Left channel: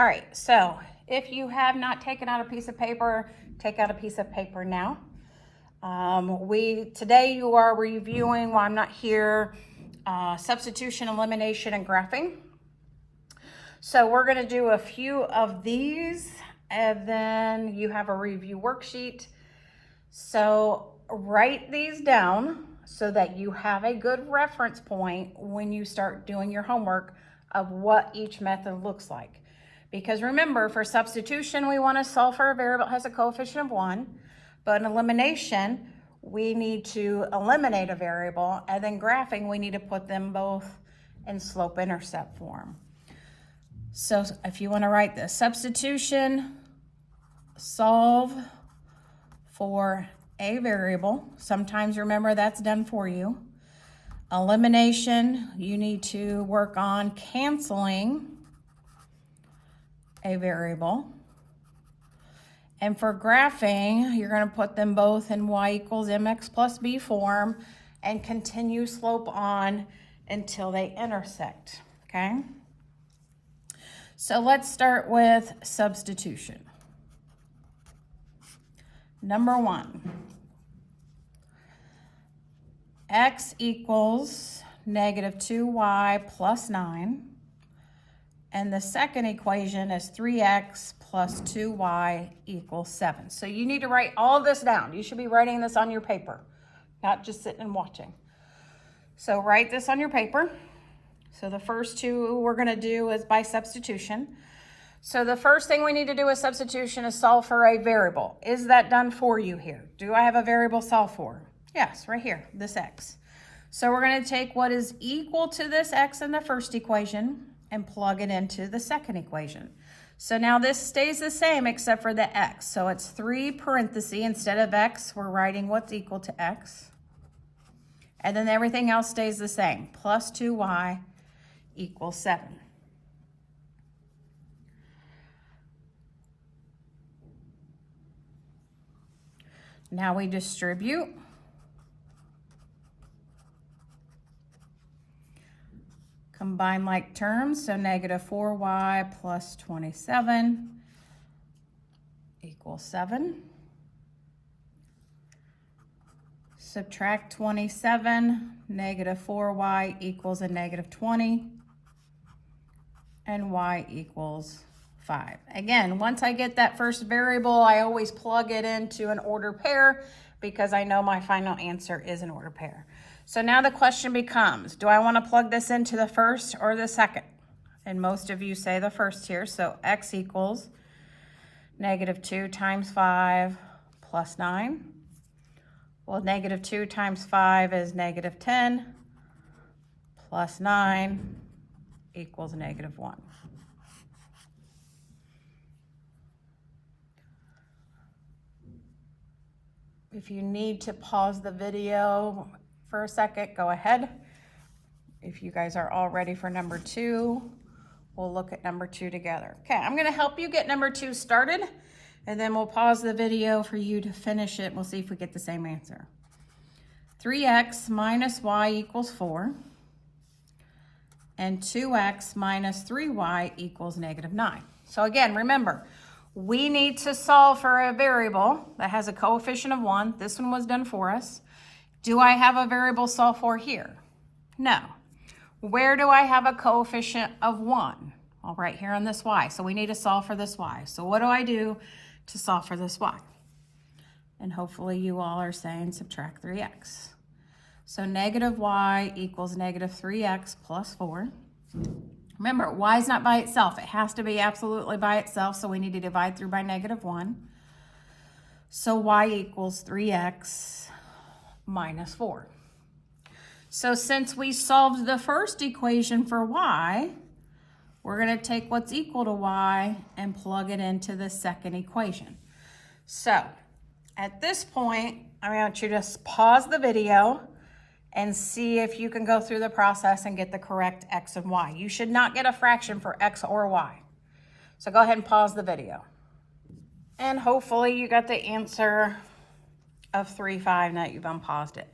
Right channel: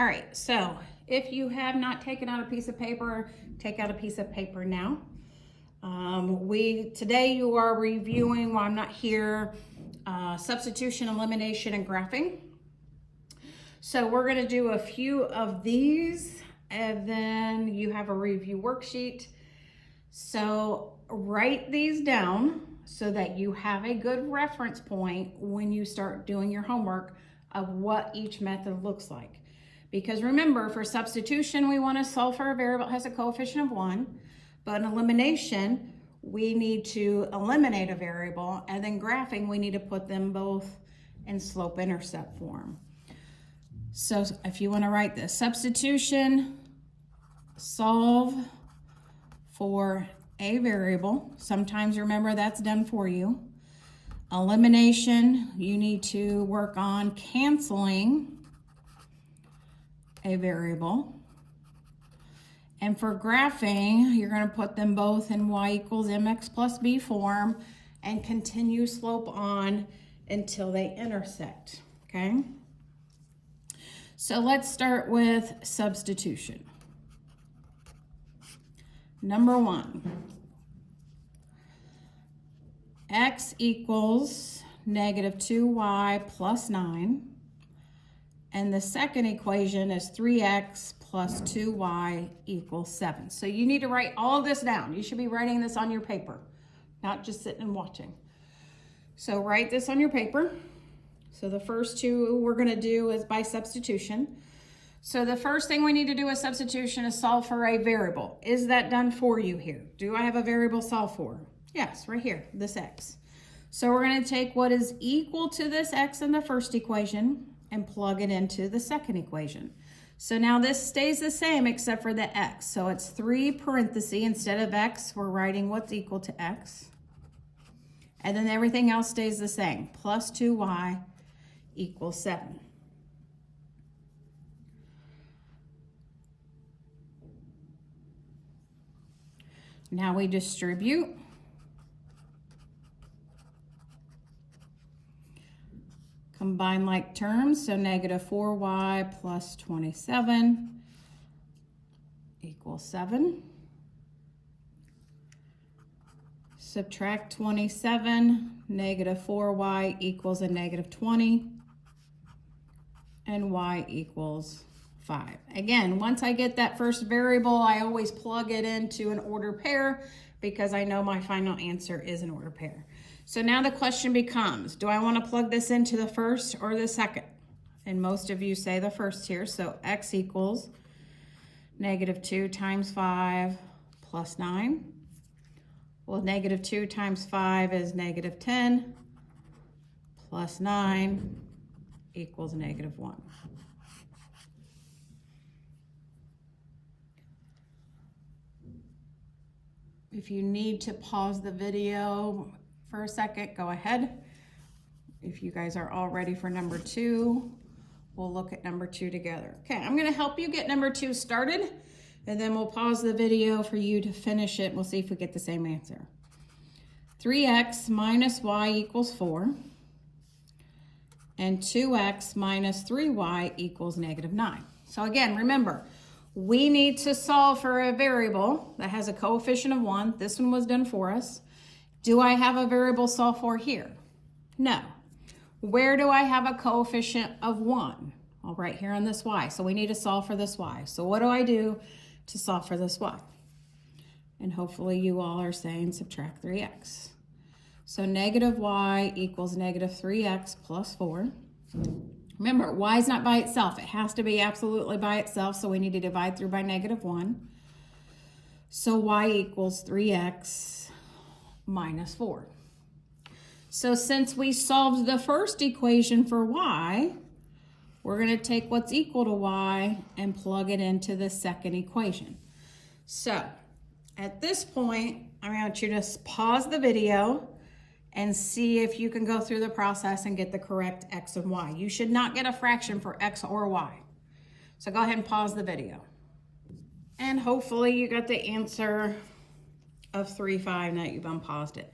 All right, so if you have not taken out a piece of paper, take out a piece of paper now. Today you are reviewing, while I'm not here, substitution, elimination, and graphing. So we're gonna do a few of these, and then you have a review worksheet. So write these down so that you have a good reference point when you start doing your homework of what each method looks like. Because remember, for substitution, we want to solve for a variable that has a coefficient of 1, but in elimination, we need to eliminate a variable, and then graphing, we need to put them both in slope-intercept form. So if you want to write this, substitution, solve for a variable. Sometimes remember that's done for you. Elimination, you need to work on canceling a variable. And for graphing, you're going to put them both in y equals mx plus b form and continue slope on until they intersect, okay? So let's start with substitution. Number 1, x equals negative 2y plus 9. And the second equation is 3x plus 2y equals 7. So you need to write all this down. You should be writing this on your paper, not just sitting and watching. So write this on your paper. So the first two we're going to do is by substitution. So the first thing we need to do with substitution is solve for a variable. Is that done for you here? Do I have a variable solve for? Yes, right here, this x. So we're going to take what is equal to this x in the first equation and plug it into the second equation. So now this stays the same except for the x. So it's 3 parentheses. Instead of x, we're writing what's equal to x. And then everything else stays the same. Plus 2y equals 7. Now we distribute. Combine like terms, so negative 4y plus 27 equals 7. Subtract 27, negative 4y equals a negative 20, and y equals 5. Again, once I get that first variable, I always plug it into an order pair because I know my final answer is an order pair. So now the question becomes, do I want to plug this into the first or the second? And most of you say the first here. So x equals negative 2 times 5 plus 9. Well, negative 2 times 5 is negative 10 plus 9 equals negative 1. If you need to pause the video for a second, go ahead. If you guys are all ready for number 2, we'll look at number 2 together. Okay, I'm going to help you get number 2 started, and then we'll pause the video for you to finish it. We'll see if we get the same answer. 3x minus y equals 4, and 2x minus 3y equals negative 9. So again, remember, we need to solve for a variable that has a coefficient of 1. This one was done for us. Do I have a variable solve for here? No. Where do I have a coefficient of 1? Well, right here on this y. So we need to solve for this y. So what do I do to solve for this y? And hopefully you all are saying subtract 3x. So negative y equals negative 3x plus 4. Remember, y is not by itself. It has to be absolutely by itself, so we need to divide through by negative 1. So y equals 3x minus 4. So since we solved the first equation for y, we're going to take what's equal to y and plug it into the second equation. So at this point, I want you to pause the video and see if you can go through the process and get the correct x and y. You should not get a fraction for x or y. So go ahead and pause the video. And hopefully you got the answer of 3, 5 now that you've unpaused it.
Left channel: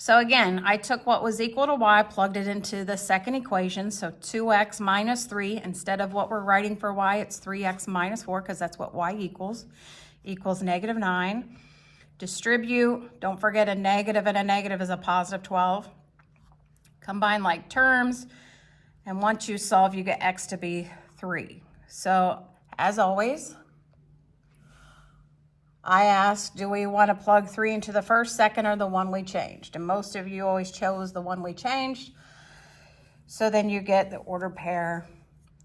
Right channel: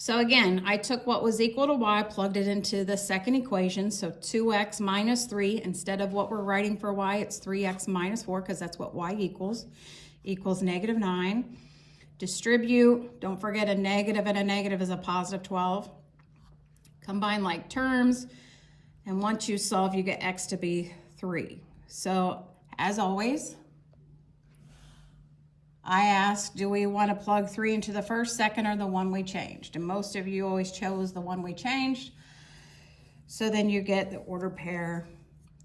So again, I took what was equal to y, plugged it into the second equation. So 2x minus 3, instead of what we're writing for y, it's 3x minus 4, because that's what y equals negative 9. Distribute, don't forget a negative and a negative is a positive 12. Combine like terms, and once you solve, you get x to be 3. So as always, I asked, do we want to plug 3 into the first, second, or the one we changed? And most of you always chose the one we changed. So then you get the order pair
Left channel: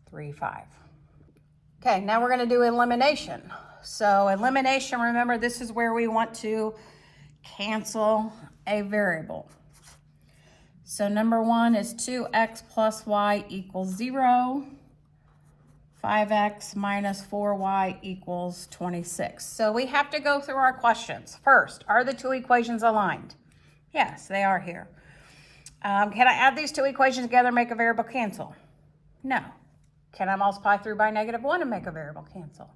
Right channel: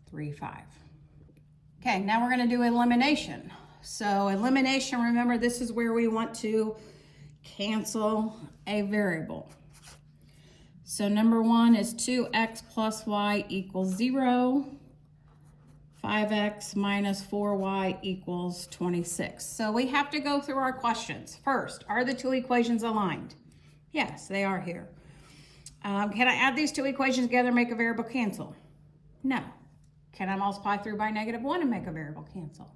3, 5. Okay, now we're going to do elimination. So elimination, remember, this is where we want to cancel a variable. So number 1 is 2x plus y equals 0. 5x minus 4y equals 26. So we have to go through our questions. First, are the two equations aligned? Yes, they are here. Can I add these two equations together and make a variable cancel? No. Can I multiply through by negative 1 and make a variable cancel?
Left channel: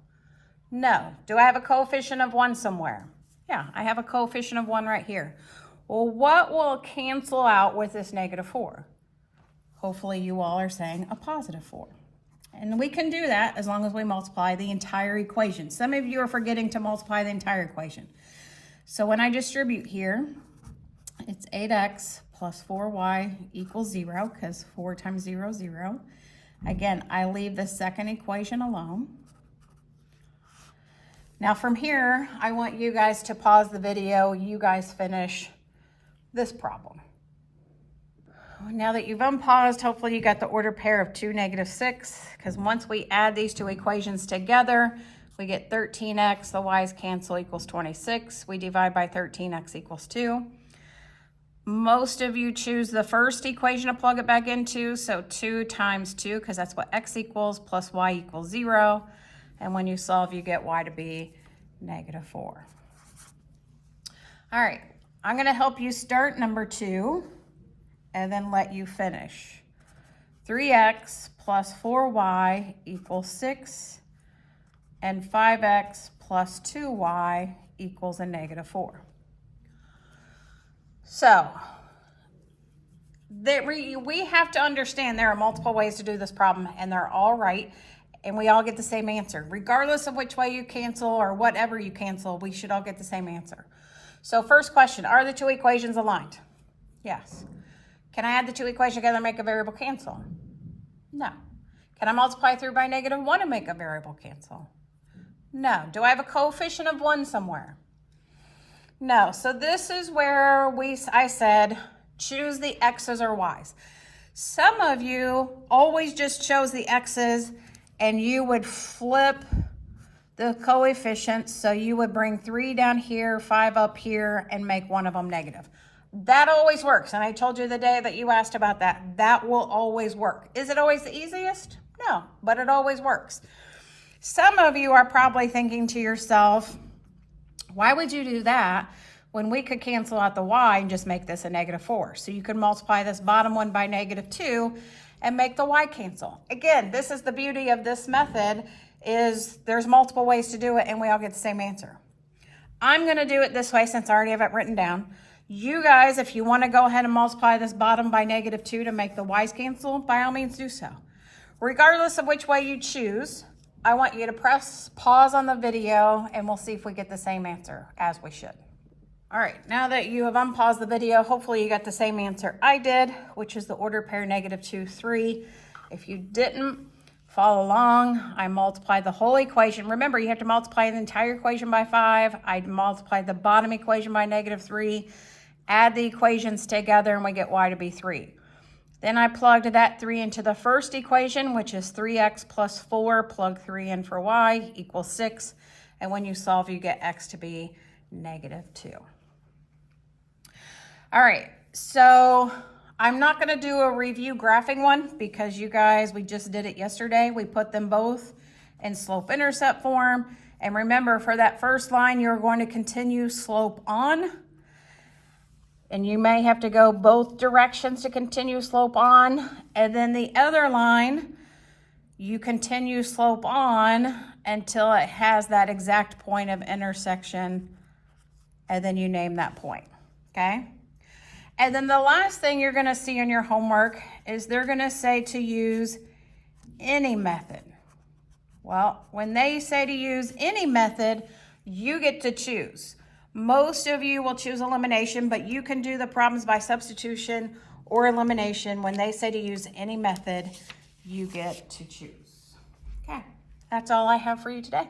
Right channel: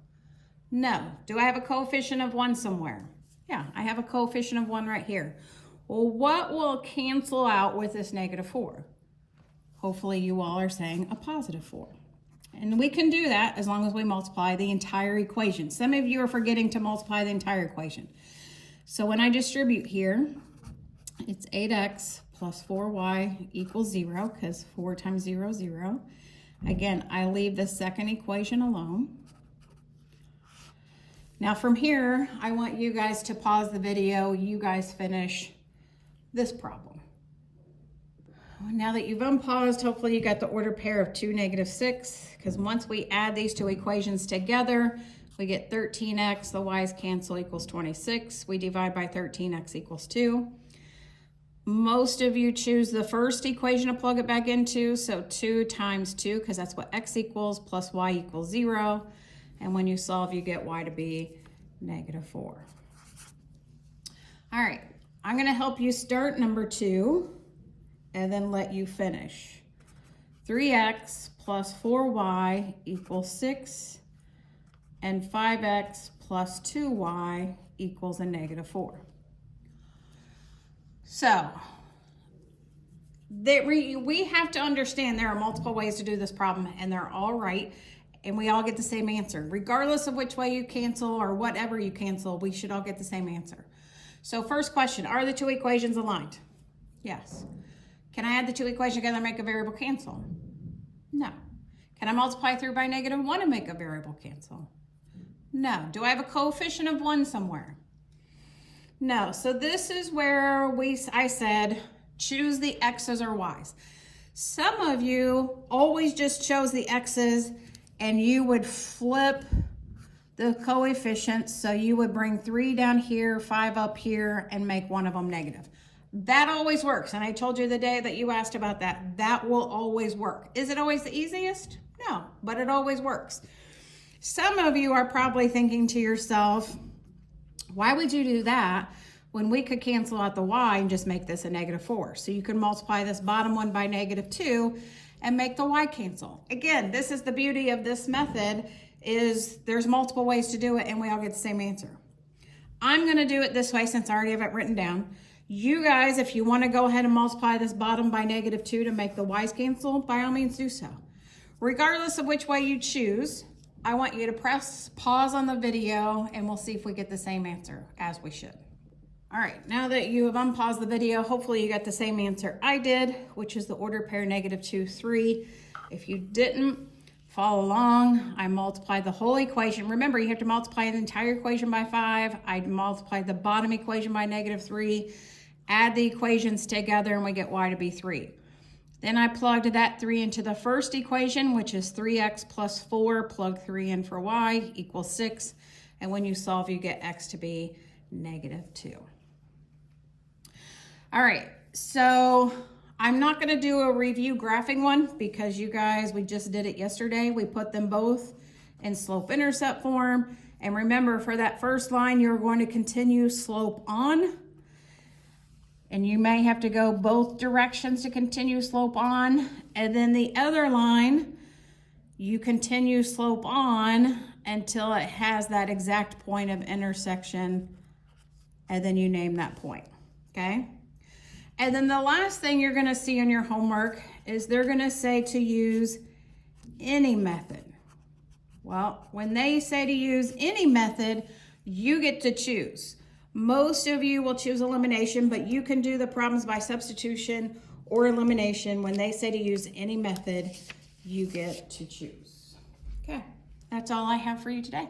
No. Do I have a coefficient of 1 somewhere? Yeah, I have a coefficient of 1 right here. Well, what will cancel out with this negative 4? Hopefully you all are saying a positive 4. And we can do that as long as we multiply the entire equation. Some of you are forgetting to multiply the entire equation. So when I distribute here, it's 8x plus 4y equals 0, because 4 times 0 is 0. Again, I leave the second equation alone. Now from here, I want you guys to pause the video. You guys finish this problem. Now that you've unpaused, hopefully you got the order pair of 2, negative 6, because once we add these two equations together, we get 13x, the y's cancel, equals 26. We divide by 13x equals 2. Most of you choose the first equation to plug it back into, so 2 times 2, because that's what x equals, plus y equals 0. And when you solve, you get y to be negative 4. All right, I'm going to help you start number 2 and then let you finish. 3x plus 4y equals 6, and 5x plus 2y equals a negative 4. So we have to understand there are multiple ways to do this problem, and they're all right, and we all get the same answer. Regardless of which way you cancel or whatever you cancel, we should all get the same answer. So first question, are the two equations aligned? Yes. Can I add the two equations together and make a variable cancel? No. Can I multiply through by negative 1 and make a variable cancel? No. Do I have a coefficient of 1 somewhere? No. So this is where I said, choose the x's or y's. Some of you always just chose the x's, and you would flip the coefficients. So you would bring 3 down here, 5 up here, and make one of them negative. That always works. And I told you the day that you asked about that, that will always work. Is it always the easiest? No, but it always works. Some of you are probably thinking to yourself, why would you do that when we could cancel out the y and just make this a negative 4? So you could multiply this bottom one by negative 2 and make the y cancel. Again, this is the beauty of this method, is there's multiple ways to do it and we all get the same answer. I'm gonna do it this way since I already have it written down. You guys, if you wanna go ahead and multiply this bottom by negative 2 to make the y's cancel, by all means do so. Regardless of which way you choose, I want you to press pause on the video and we'll see if we get the same answer, as we should. All right, now that you have unpaused the video, hopefully you got the same answer I did, which is the order pair negative 2, 3. If you didn't follow along, I multiplied the whole equation. Remember, you have to multiply the entire equation by 5. I multiplied the bottom equation by negative 3. Add the equations together and we get y to be 3. Then I plugged that 3 into the first equation, which is 3x plus 4, plug 3 in for y, equals 6. And when you solve, you get x to be negative 2. All right, so I'm not gonna do a review graphing one because you guys, we just did it yesterday. We put them both in slope-intercept form. And remember, for that first line, you're going to continue slope on. And you may have to go both directions to continue slope on. And then the other line, you continue slope on until it has that exact point of intersection. And then you name that point, okay? And then the last thing you're gonna see in your homework is they're gonna say to use any method. Well, when they say to use any method, you get to choose. Most of you will choose elimination, but you can do the problems by substitution or elimination. When they say to use any method, you get to choose. Okay, that's all I have for you today.